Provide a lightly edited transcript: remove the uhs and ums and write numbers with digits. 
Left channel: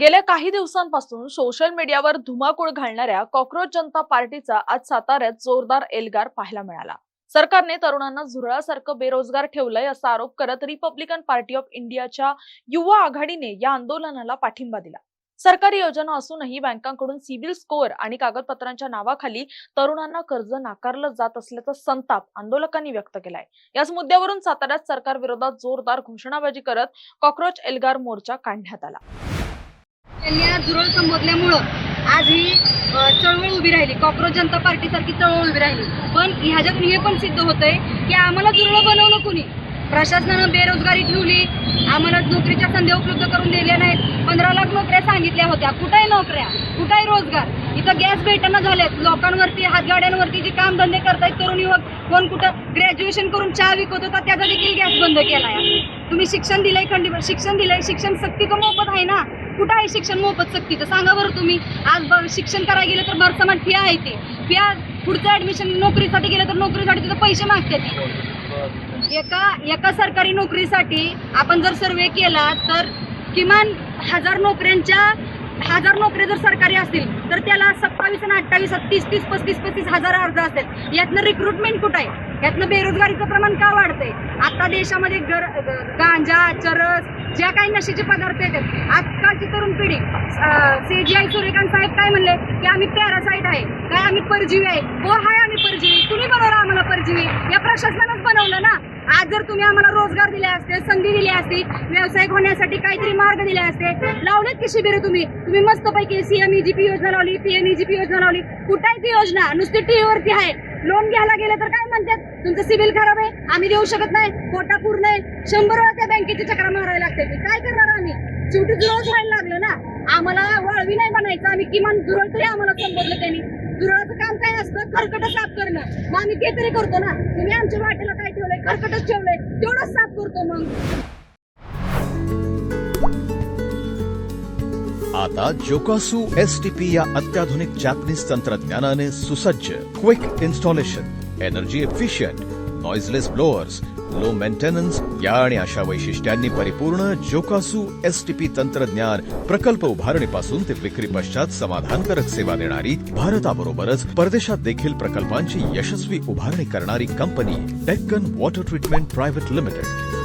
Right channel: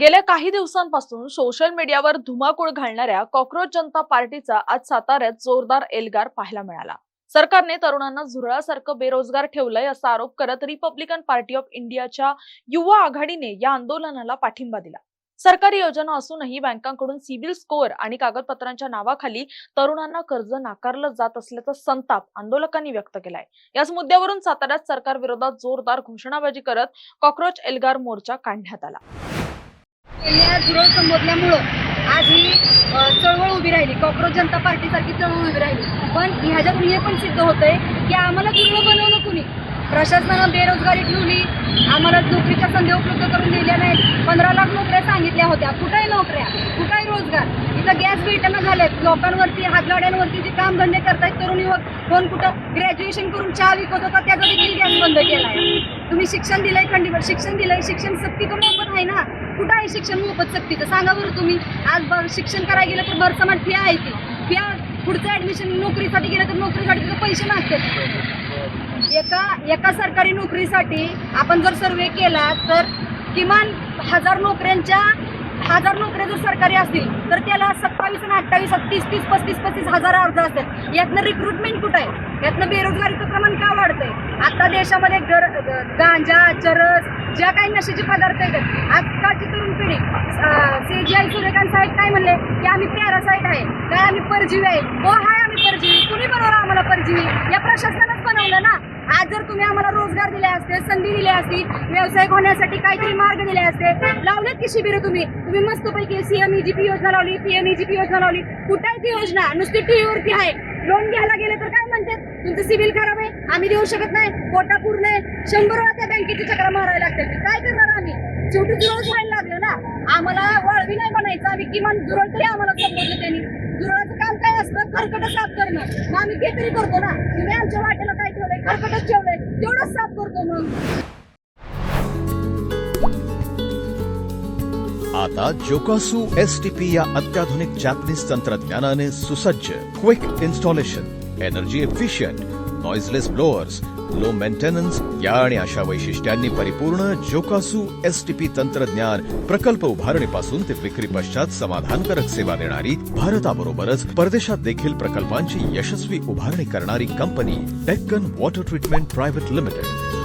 गेल्या काही दिवसांपासून सोशल मीडियावर धुमाकूळ घालणाऱ्या कॉक्रोच जनता पार्टीचा आज साताऱ्यात जोरदार एल्गार पाहायला मिळाला। सरकारने तरुणांना झुरळासारखं बेरोजगार ठेवलंय असा आरोप करत रिपब्लिकन पार्टी ऑफ इंडियाच्या युवा आघाडीने या आंदोलनाला पाठिंबा दिला। सरकारी योजना असूनही बँकांकडून सिबिल स्कोअर आणि कागदपत्रांच्या नावाखाली तरुणांना कर्ज नाकारलं जात असल्याचा संताप आंदोलकांनी व्यक्त केलाय। याच मुद्द्यावरून साताऱ्यात सरकार विरोधात जोरदार घोषणाबाजी करत कॉक्रोच एल्गार मोर्चा काढण्यात आला। झुरळ संबोधल्यामुळं आज ही चळवळ उभी राहिली, कॉक्रोच जनता पार्टी सारखी चळवळ उभी राहिली। पण ह्याच्यातून हे पण सिद्ध होतंय की आम्हाला झुरळ बनवलं कुणी, प्रशासनानं बेरोजगारी ठेवली, आम्हाला नोकरीच्या संधी उपलब्ध करून दिल्या नाहीत। 15 लाख नोकऱ्या सांगितल्या होत्या, कुठे नोकऱ्या, कुठे रोजगार? इथं गॅस भेटना झालेत, लोकांवरती हातगाड्यांवरती जे काम धंदे करतायत तरुण युवक, कोण कुठं ग्रॅज्युएशन करून चहा विकत होता त्याचा देखील गॅस बंद केलाय। तुम्ही शिक्षण दिलंय, खंडीवर शिक्षण दिलंय, शिक्षण सक्ती तर मोफत आहे ना, कुठं आहे शिक्षण मोफत सक्ती? तर सांगा बरं तुम्ही। आज शिक्षण करायला गेलं तर भरसमान फी आहे, ती फी पुढचं ऍडमिशन नोकरीसाठी गेलं तर नोकरीसाठी तिथं पैसे मागतात। एका सरकारी नोकरीसाठी आपण जर सर्वे केला तर किमान 1000 नोकऱ्या जर सरकारी असतील तर त्याला 27 आणि 28 30 हजार अर्ज असतात। यातनं रिक्रुटमेंट कुठं आहे? यातनं बेरोजगारीचं प्रमाण का वाढतंय? आता देशामध्ये गांजा, चरस, ज्या काही नशेचे पदार्थ आहेत, आजकालची तरुण पिढी CGI सूर्यकांत साहेब काय म्हणले की आम्ही पॅरासाईट आहे, काय आम्ही परजीवी आहे? हो आहे, आम्ही परजीवी। कुणी बनवलं आम्हाला परजीवी? या प्रशासनानंच बनवलं ना। आज जर तुम्ही आम्हाला रोजगार दिले असते, संधी दिली असती, व्यावसायिक होण्यासाठी काहीतरी मार्ग दिले असते, लावलेत की शिबिरं तुम्ही मस्तपैकी CMEGP योजना लावली, PMEGP योजना लावली, कुठे ती योजना? नुसती टीव्हीवरती आहे। लोन घ्यायला गेलं तर काय म्हणतात, तुमचं सिबिल खराब आहे, आम्ही देऊ शकत नाही, कोटा पूर्ण आहे, 100 वेळा त्या बँकेची चक्रा मारायला लागते। काय करणार आम्ही? शेवटी जुरळ व्हायला लागलं ना। आम्हाला वाळवी नाही म्हणायचं, आम्ही किमान जुरळ तरी आम्हाला संबोधलं त्यांनी। जुरळाचं काम काय असतं? खरकट साफ करणं, मग आम्ही ते तरी करतो ना। तुम्ही आमच्या वाटेला काय ठेवलंय? खरकटच ठेवलंय, तेवढंच साफ करतो मग। आता जोकासू STP या अत्याधुनिक जॅपनीज तंत्रज्ञानाने सुसज्ज quick installation, energy efficient, noiseless blowers, low maintenance या आणि अशा वैशिष्ट्यांनी परिपूर्ण जोकासू STP तंत्रज्ञान प्रकल्प उभारणीपासून ते विक्री पश्चात समाधानकारक सेवा देणारी, भारताबरोबरच परदेशात देखील प्रकल्पांची यशस्वी उभारणी करणारी company Deccan water treatment private limited.